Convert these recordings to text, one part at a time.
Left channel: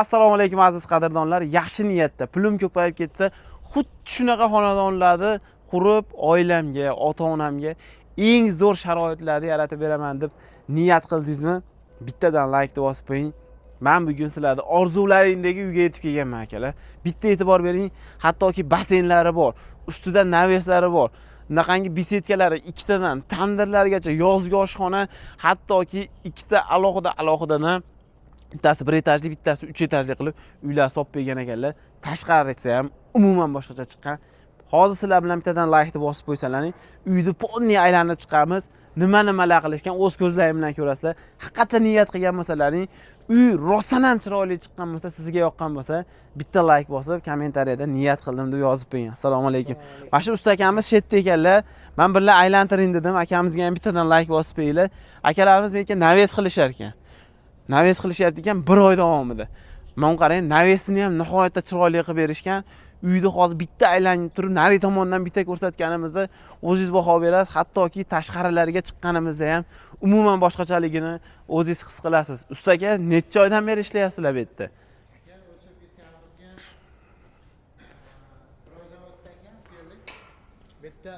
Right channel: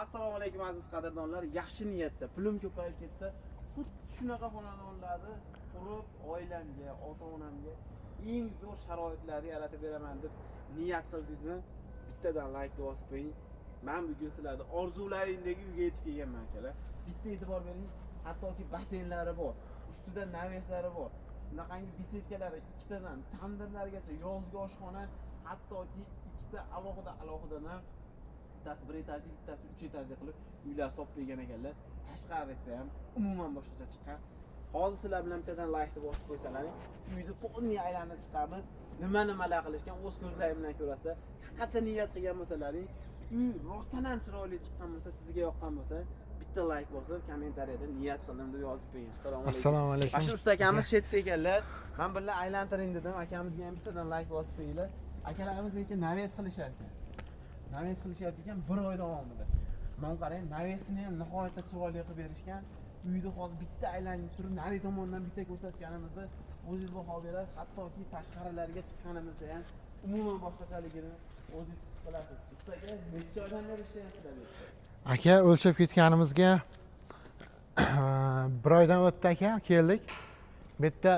Assalomu alaykum aziz qadrdonlar. Yaxshi niyatda pulim ko'payib ketsa, xuddi shunaqa xonadonlarni qurib, oilamga, ota-onamga eng zo'r sharoitlarni yaratib beraman deb niyat qildingizmi? Bittadan like bosib qo'ying. Men bugun sizlarni orzularingdagi uyga yetib kelganman akalar. Bitta e'tibor bering, hattoki basseynlari bor, ustida naveslari bor. Bunaqangi besetkalari ikkitadan tandirlargacha, yozgi oshxona, hattoki ikkita alohida bittasi 1 etajli, bittasi 3 etajli qilib uylar solib bergan ekanlar. Tashqarisi ham umuman boshqacha chiqqan. Hozir sizlar bilan bittadan like bosib qo'ysalaring, uyni ponni aylanib chiqamiz. Nima-nimalar qilishgan o'z ko'zlaring bilan ko'rasizlar. Haqiqatan niyat qilgan bo'lsalaring, uy rostdan ham chiroyli chiqqan bo'lsa, sizga yoqqan bo'lsa, bitta like bosib, kommentariyada niyat qildim deb yozib qo'ying. Assalomu alaykum. Mana shu usta akamiz chetda ekanlar. Men birga aylantiring dedim. Akamizga ham bittadan like bosib qo'yinglar. Akalarimiz menga naves qilishar ekan. Naves qilishyapti ekan 1 oy davomida. Men qarang, navesni ham nihoyatda chiroyli qilib berishgan. Uyni hozir bitta aylanib turib, nari tomondan bitta ko'rsatganimizda o'zingiz baho berasiz. Hattoki tashqarilariga chiqqanimizda ham umuman boshqachaligini o'zingiz his qilasiz. Usta aka, necha oydan beri ishlayapsizlar bu yerda? Aka, o'lchab ketganimizga 1 oydan o'tdi aka, keldik. Bu yerda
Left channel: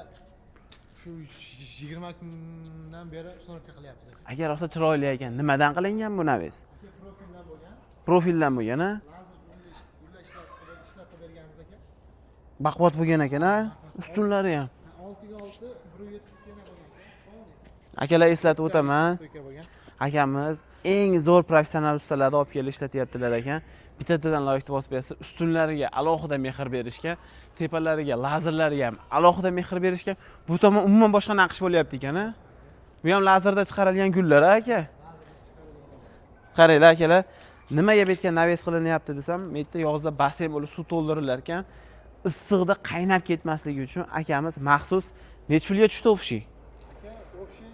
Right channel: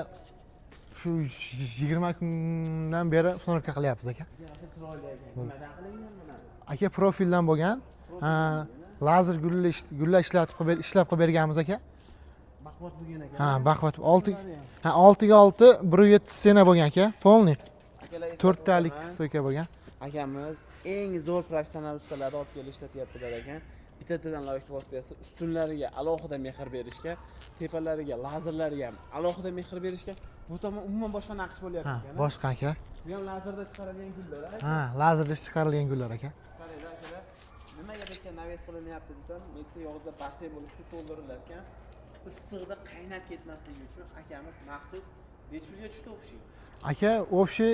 shu 20 kundan beri so'narka qilyapmiz aka. Aka, rosa chiroyli ekan. Nimadan qilingan bu naves? Aka, profildan bo'lgan. Profildan bo'lgan, ha? Lazer gullar ishlab qilib berganmiz aka. Baquvvat bo'lgan ekan, ha? Baquvvat. Ustunlari ham. 6 ga 6 107 sena bo'lgan aka, polni. Akalar, eslatib o'taman. So'ka bo'lgan. Akamiz eng zo'r professional ustalarni olib kelib ishlatyaptilar ekan. Bittadan loyihani bosib bersa, ustunlariga alohida mehr berishga, tepalariga, lazerlariga ham alohida mehr berishga, bu tomon umuman boshqa naqsh bo'lyapti ekan, ha? Boshqa aka. Bu ham lazerda chiqarilgan gullar, aka. Lazerda chiqarilgan gullar aka. Qaranglar akalar, nimaga bu yerga naves qilinyapti desam, bu yerda yozda basseyn bo'lib suv to'ldirilar ekan, issiqda qaynab ketmasligi uchun akamiz maxsus nech pulga tushdi o'pshi? Aka, o'pshi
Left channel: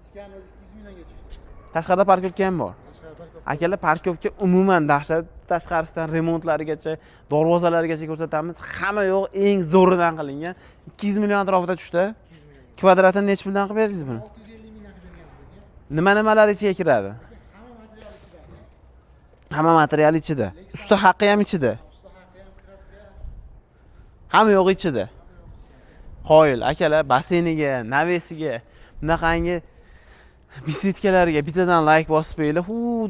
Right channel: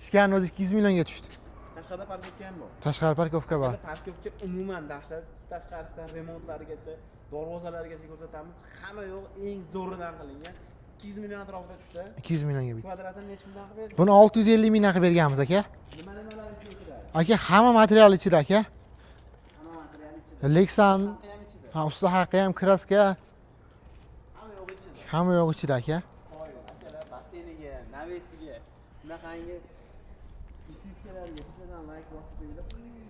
ishgan o'zi 200 millionga tushdi. Tashqarida parkovka ham bor. Tashqari parkovka bor. Akalar, parkovka umuman dahshat. Tashqarisidan remontlarigacha, darvozalarigacha ko'rsatamiz. Hamma yo'q eng zo'ridan qilingan. 200 million atrofida tushdi. 200 millionga. Kvadratini nech puldan qilib berdingiz? Buni 650 mingdan qilib berganmiz aka. Nima-nimalar ichiga kiradi? Aka, hamma material ichida aka. Hamma material ichida. Usta haqqi ham ichida. Usta haqqi ham, kraska, hamma yo'q ichida. Hamma yo'q ichida aka. Qoyil akalar, basseyniga, navesiga, bunaqangi besetkalariga bittadan like bosib qo'yinglar.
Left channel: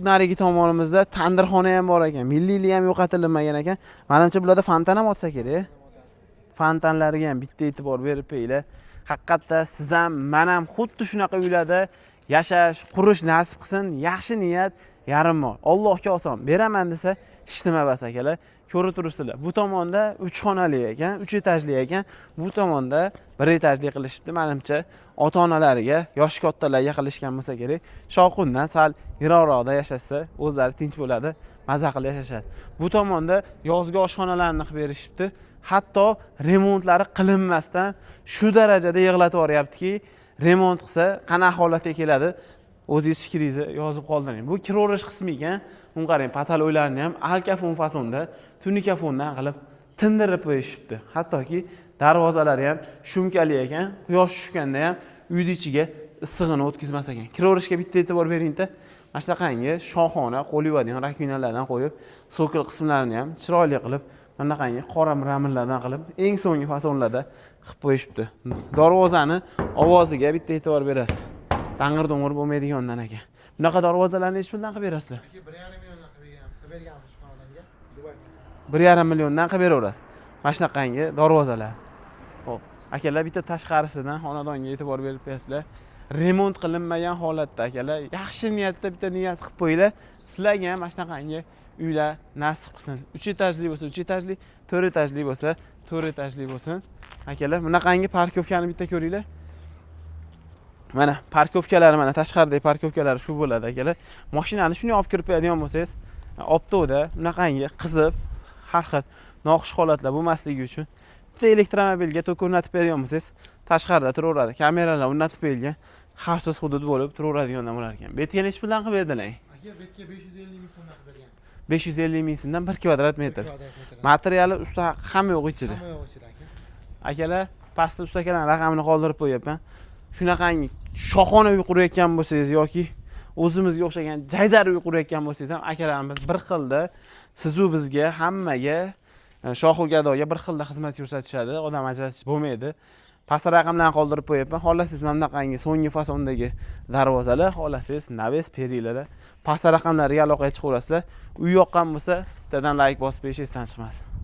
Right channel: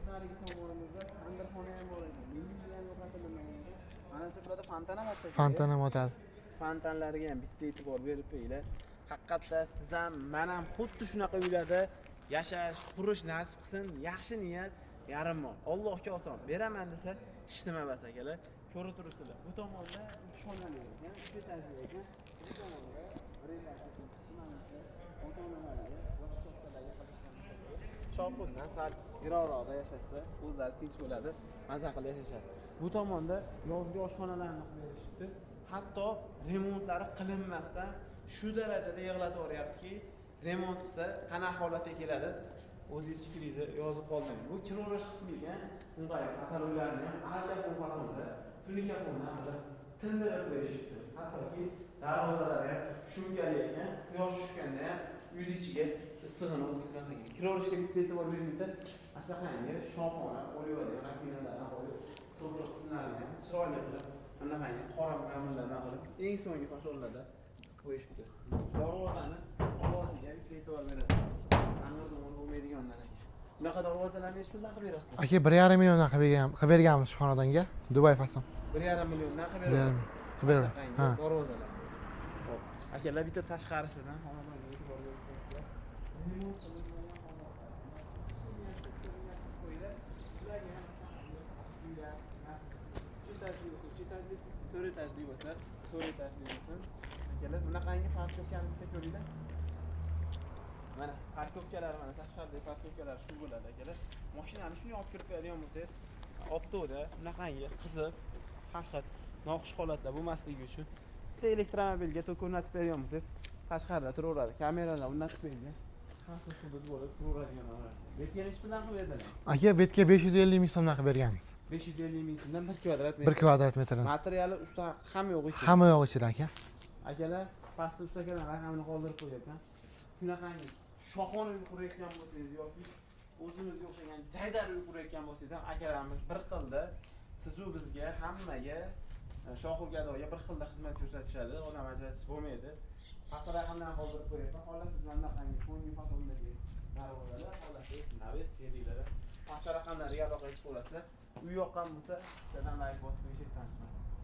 Narigi tomonimizda tandirxona ham bor ekan. Milliylik ham yo'qotilmagan ekan. Menimcha bularda fontan ham otsa kerak. Fontan ham otadi. Fontanlarga ham bitta e'tibor berib qo'yinglar. Haqiqatda siz ham, men ham xuddi shunaqa uylarda yashash, qurish nasib qilsin. Yaxshi niyat, yarim mol. Allohga oson. Beraman desa, hech nima emas akalar. Ko'rib turibsizlar. Bu tomonda 3 xonali ekan, 3 etajli ekan. Bu tomonda 1 etajli qilishibdi. Menimcha ota-onalariga, yosh kattalarga qilishgan bo'lsa kerak. Shoqundan sal yiroqroqda yashashsa, o'zlari tinch bo'ladi, maza qilib yashashadi. Bu tomonda yozgi oshxonalarni qilib berishibdi. Hatto remontlari qilinmasdan shu darajada yig'latib yuboryaptiki, remont qilsa qanaqa holatga keladi? O'zingiz fikringizni yozib qoldiring. Bu kiroverish qismi ekan. Uni qarang, pataloylarni ham alkafon fasonda, tunikafondan qilib tindirib qo'yishibdi. Hattoki darvozalari ham shumkali ekan. Quyosh tushganda ham uyning ichiga issig'ini o'tkazmas ekan. Kiroverishga bitta e'tibor bering-da. Mana shunaqangi shohona qo'l yuvadigan rakvinalardan qo'yib, sokil qismlarini ham chiroyli qilib, bunaqangi qora raminlardan qilib, eng so'nggi fasonlarda qilib qo'yishibdi. Darvozani ovoziga bitta e'tibor berasiz. Tang'ir-dong'ir bo'lmaydigandan ekan. Bunaqa darvozalarni hech puldan qilib berasizlar? Aka, 1,5 milliondan qilib berganmiz shu xonadonga, Dubay fason. 1,5 milliondan qilib beraverasiz. Mana shunaqangi darvozalar. Xo'p, akalar, bitta tashqarisidan xonadonga e'tibor berib qo'yasizlar. Remont qilinmagan holatda akalar, yaxshi niyatda bitta niyat qilib qo'yinglar. Sizlarga ham mana shunaqangi uylar nasib qilsin. 3 etajli bo'lsa, 3 etajli, 4 etajli bo'lsa, 4 etajli bo'lsin. Akalar, bunaqangi parkovkani bitta ko'ringlar. Mana parkovkalari, mana tashqaridagi parkovkalari shu bo'ladi akalar. Mashinani shuni olib kirib qo'yadigan bo'lsangiz, optoda bunaqangi qizib, har xil noxush holatlar bo'lmasligi uchun bitta elektromobilga tok o'rnatib beradigan bo'lsangiz, tashqarida turaveradi. Kameralar o'rnatib qo'yilgan, xavfsiz hudud bo'lib turaveradigan bo'lar ekan. Betga nech puldan qilib berdilar? Aka, betga 550 ming so'mdan qilib berganmiz. 550 ming so'mdan 1 kvadrat metr. 1 kvadrat metr. Materiali usta hamma yo'q ichida. Hamma yo'q ichida aka. Akalar, pastda ustakalar raqamini qoldirib qo'yapman. Shunaqangi shohona uy qurayotgan bo'lsangiz yoki o'zimizga o'xshagan jaydar uy qurayotgan bo'lsangiz ham akalarimiz bir xilda sizu bizga hammaga shohu gadoga bir xilda xizmat ko'rsatishadi. Odam ajratish bo'lmaydi. Past raqamlarni qoldirib qo'yapman. Xohlasangiz mana bunaqangi so'nggi fasondagi darvozalar, xohlasangiz naves perilar. Past raqamlarga aloqaga chiqaverasizlar. Uy yoqqan bo'lsa, bittadan like bosib qo'yish esdan chiqmasin.